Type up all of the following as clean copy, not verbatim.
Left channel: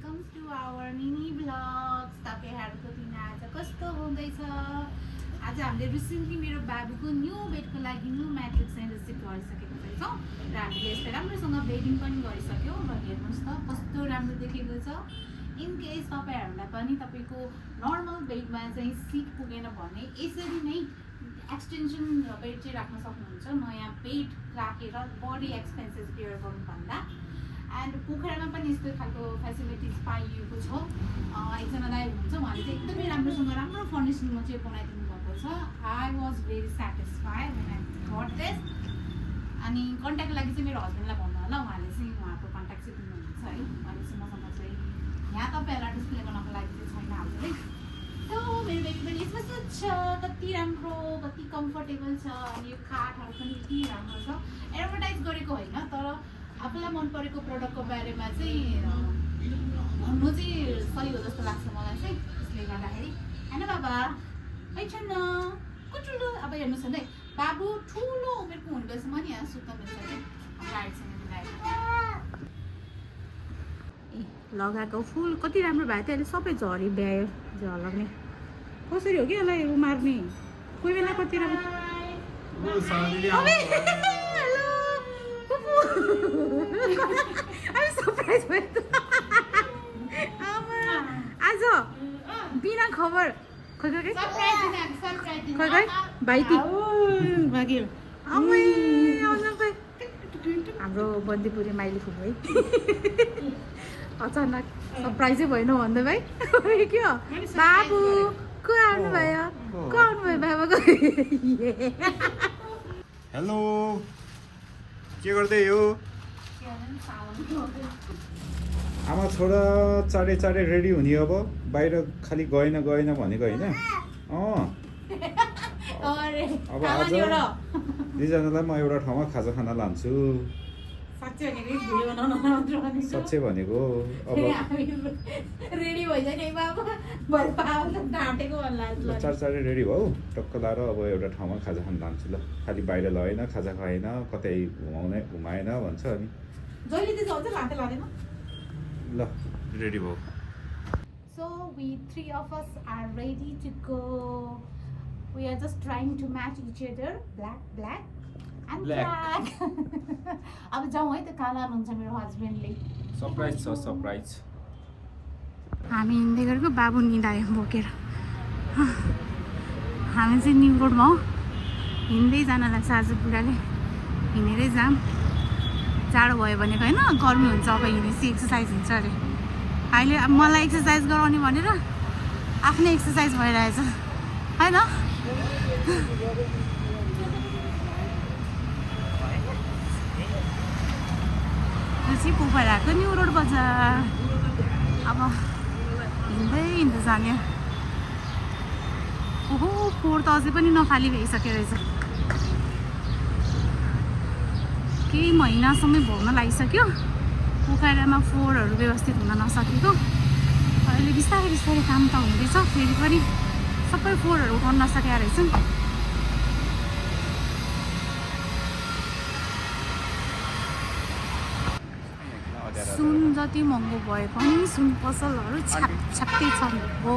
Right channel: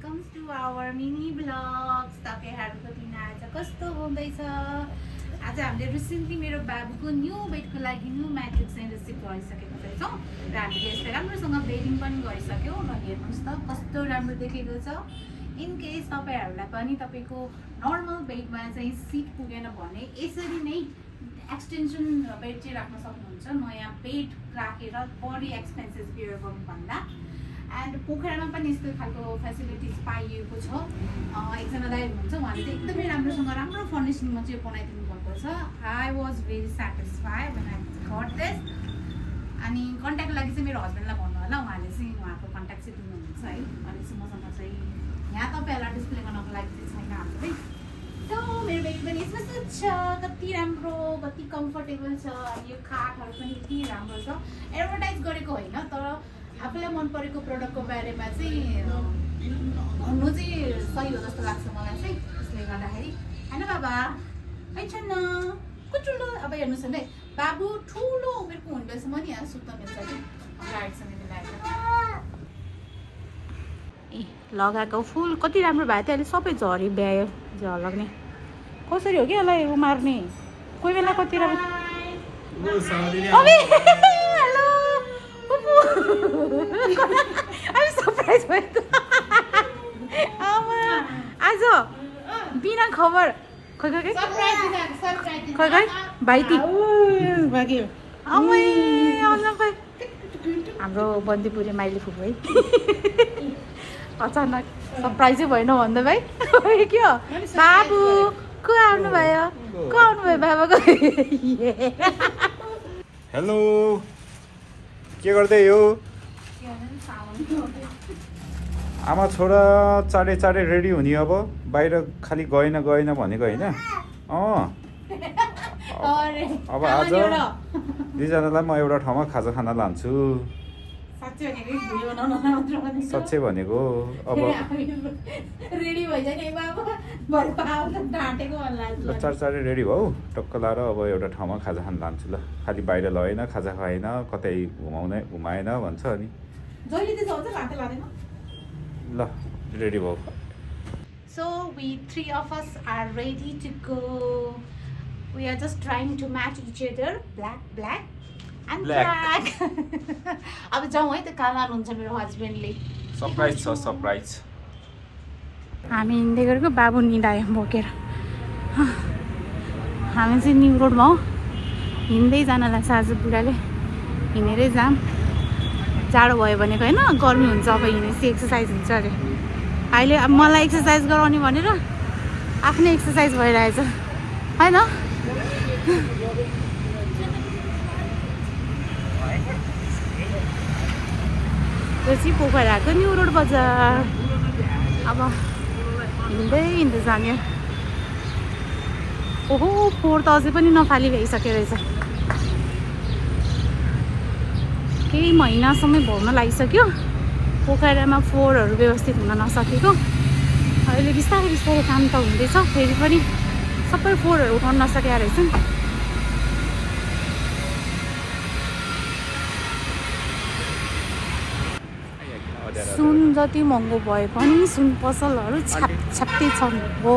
Welcome to our mini vlogs. तपाईँहरूको दिन आज कस्तो हुँदैछ? आज हामीले रिसेन्टली मेरो बाबुको न्यू बेडको लागि न्यू म्याट्रिक्स चाहिँ रिसिभ गरिसकेको छौँ र हामीले यसलाई राम्रोसँग बेडिङ पनि गरिसक्यौँ र हेर्नुहोस् त कस्तो राम्रो देखेको छ। इन केस तपाईँहरूलाई पनि तपाईँको नर्मल बेडमा चाहिँ सिट पुगेन भने यसरी नै एक्सटेन्सन बेड चाहिँ राख्न सक्नुहुन्छ। नयाँ बेड राखेर बढी एक्सपेन्सेस बियर गर्नुभन्दा। एन्ड पोखरामा पनि यस्तो खालको फेसिलिटिज पाइएको छ। एकजना दाइ हुनुहुन्छ, उहाँले चाहिँ एकदमै राम्रोसँग राम्रो फर्निसिङमा चाहिँ बनाइदिनु भएको छ। I was very satisfied when I got this. अनि कन्ट्याक्टको लागि चाहिँ मेरो हस्बेन्डलाई भन्नु होला, उहाँले चाहिँ उहाँको कन्ट्याक्ट चाहिँ दिनुहुन्छ है। अनि चाहिँ मसँग चाहिँ यहाँ तपाईँहरूलाई डिस्प्ले गर्नको लागि चाहिँ छैन हामीले। सो मेरो बेड पनि यसमा सुत्छ, कति राम्रो, कति कम्फर्टेबल छ। अनि यो काठहरू पनि यति राम्रो छ। एडभर्टाइज गरेको होइन, तर आफूलाई मन परेको प्रडक्टको बारेमा चाहिँ भन्नु चाहिँ सही हो जस्तो लाग्छ मलाई चाहिँ। त्यसले गर्दाखेरि होइन बाबा छैन कुचुलो। अब हेर्नुहोस् न है, बाबु ठुलो उमेरको हुँदैसम्म नि यहाँ सुत्न मिल्छ कि गाडीसँग मिलाएर। ए लगाएको फुल कति राम्रो भयो थियो, अहिले सबै झरी भ्यायो झलग्ने। कसरी हो कि यसलाई उमार्ने? कोही बेला कति राम्रो सरप्राइज भयो आज बिना खबर। खै भाइती भाग्यो हाम्रो बन्दीपुरी माइली फुपू है। अचानक सरप्राइजै भएन भन्दा भाइ के हो? बाबु को आउनुभयो? को आउनुभयो बाबाको? हेलो, के गर्दै हो? आमा छोरा चाँडै चाँडै रेडी हुने। अब बाहिर खालि गएन भनेको होइन। अब आज दुईजनालाई म एउटा ठाउँमा खाजा खान लान्छु। साँच्चै भनेको। अब चाँडै रेडी भाउ, टक्क लाएर अब एउटा ठाउँमा खाजा खान लान्छु ल। खालि बाहिर लगेन, खाजा खाएन, कतै घुमाएन भन्छ अनि। ल रेडी भाउ। So we three of us are ready to go. We are just trying to match each other. Black and black. अब जाउँ है, त काला हुन्छ मेरो हस्बेन्डले। सरप्राइज छ, सरप्राइज। हामी हिँड्दै गरेको बाबु निदायो बोकेर। हामी चाहिँ न्यु रोडमा हो, हिँड्दै जानलाई आज बुढाले हिँडेरै जाम। जाडो भयो भनेको होइन, गर्मी हुन्छ अब हिँडेपछि एक्सर्साइज हुन्छ अरे। अहिले अब मलाई एक्सर्साइज गराउने भनेर आफ्नै एक्सर्साइज भइरहेछ होइन। यो चाहिँ पोखराको न्यु रोड बजार। अब हिँड्दै जाने। ओहो, फोहोर त अझै पनि नफाली भइसक्यो रहेछ। केही महिनासम्म भर्न लागिसक्यो। पोखरामा फोहोरहरू व्यवस्थित हुन नसकेको। अहिले बिस्तारै काम त हुँदैछ, फेरि पनि सबै फोहोरहरू उठाउन नसकेका रहेछन्। सुन जति महँगो भए पनि सुन पसलहरू छ्याप्छ्याप्पै छन्। हो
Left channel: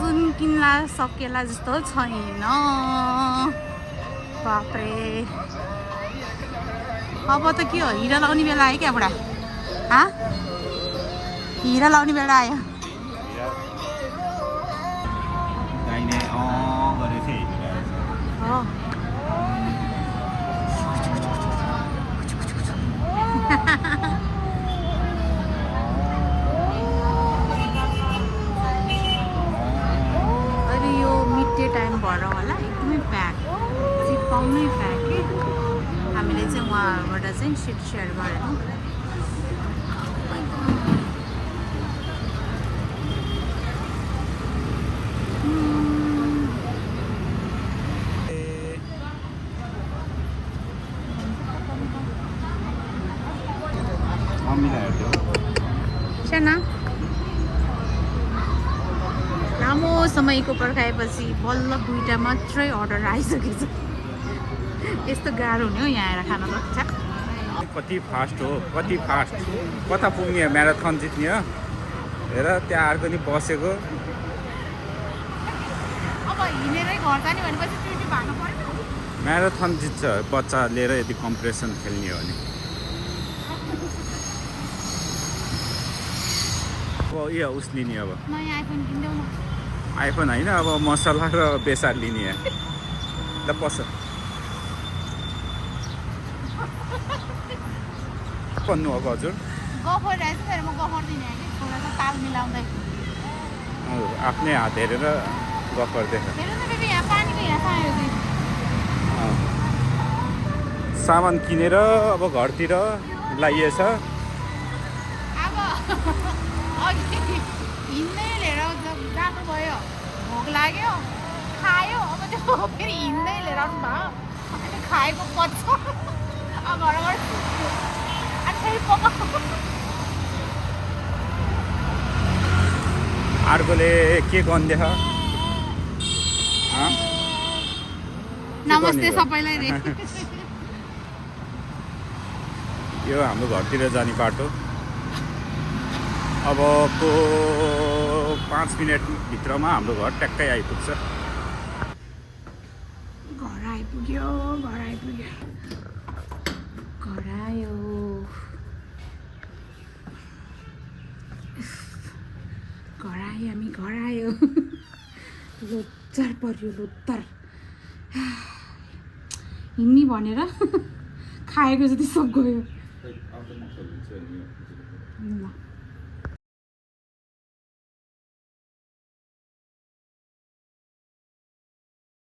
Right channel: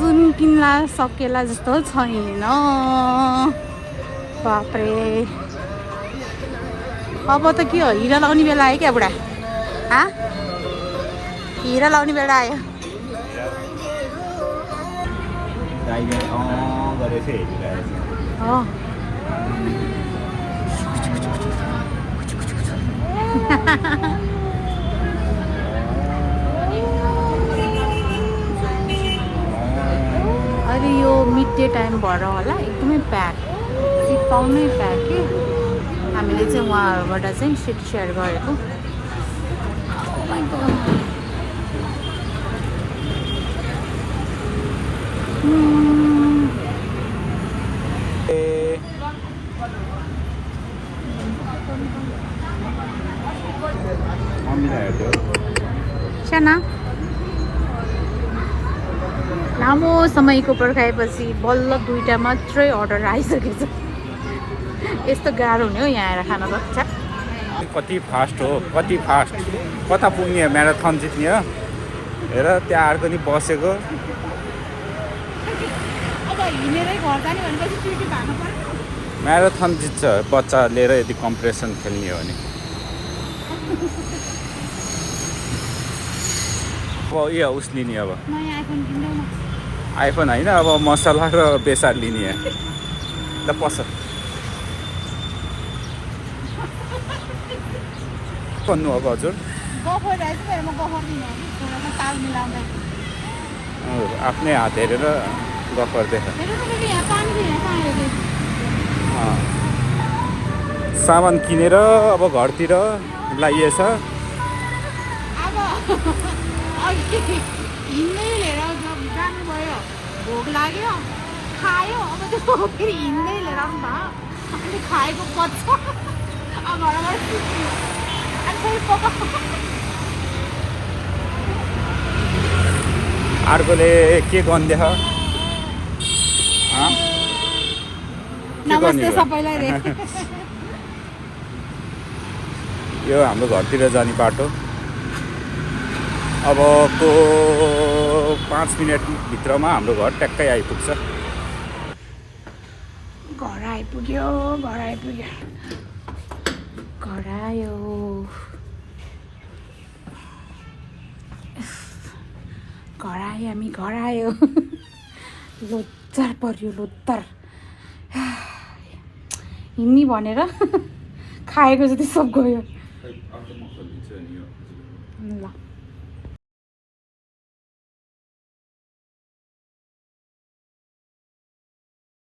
सुन किन्ला सकेला जस्तो छैन। बाप्रे, अब त के हो, हिरा लाउने बेला आयो क्या बुढा? हिरा लाउने बेला आयो। अहिले यो मिड डे टाइम भएर होला एकदमै प्याक, सिट पाउनै प्याक कि। हामीले चाहिँ उहाँहरूबाट चाहिँ सिट सेयर गरेको। लामो समयको पर्खाएपछि बल्ल 2टा मात्रै अर्डर आइसकेछ। यस्तो गाह्रो हुने हो यहाँ आएर खान त। कति फास्ट हो, कति फास्ट। कता पुग्ने म्याराथन जित्ने हो। हेर त्यहाँ अर्को नि बसेको। अब हिँडेरै घर जाने भनेपछि ड्युटी भाग्नु पर्यो। म्याराथन जित्छ बच्चा लिएर यदि कम्पिटिसन खेल्ने हो भने। अब यो उस लिने अब नयाँ आइफोन किन्देऊ न। आइफोन होइन, अब मसला र बेसार लिने ल पस भन्नु अब हजुर। गफर रहेछ फेरि म गफर दिने हो कि छोरासँग ताल मिलाउँदै। आफ्नै हात हेरेर गफर देख। हेर्नु न फेरि यहाँ पानीको यहाँ पायो कि सामान किनेर अब घरतिर लागिएछ। अब अघि हिँड्दै लिएर जानुभयो, भोक लाग्यो, खायो। अब त्यो फेरि हिँड्दै लिएर आउनु भयो। अनि खाएको पच्छ अब घरबाट सुत्यो। अनि फेरि अर्कोले के गर्दैछ? नमस्ते सबैलाई रे। यो हाम्रो घरतिर जाने बाटो। अबको 5 मिनटभित्रमा हाम्रो घर ट्याक्कै आइपुग्छ। घर आइपुग्यो, घर आइपुग्यो, घर आयो। घर आयो, हामी घर आयो। लोत्तर पर्यो, लोत्तर। हिँड्ने भनेर खाएको जति सब गयो।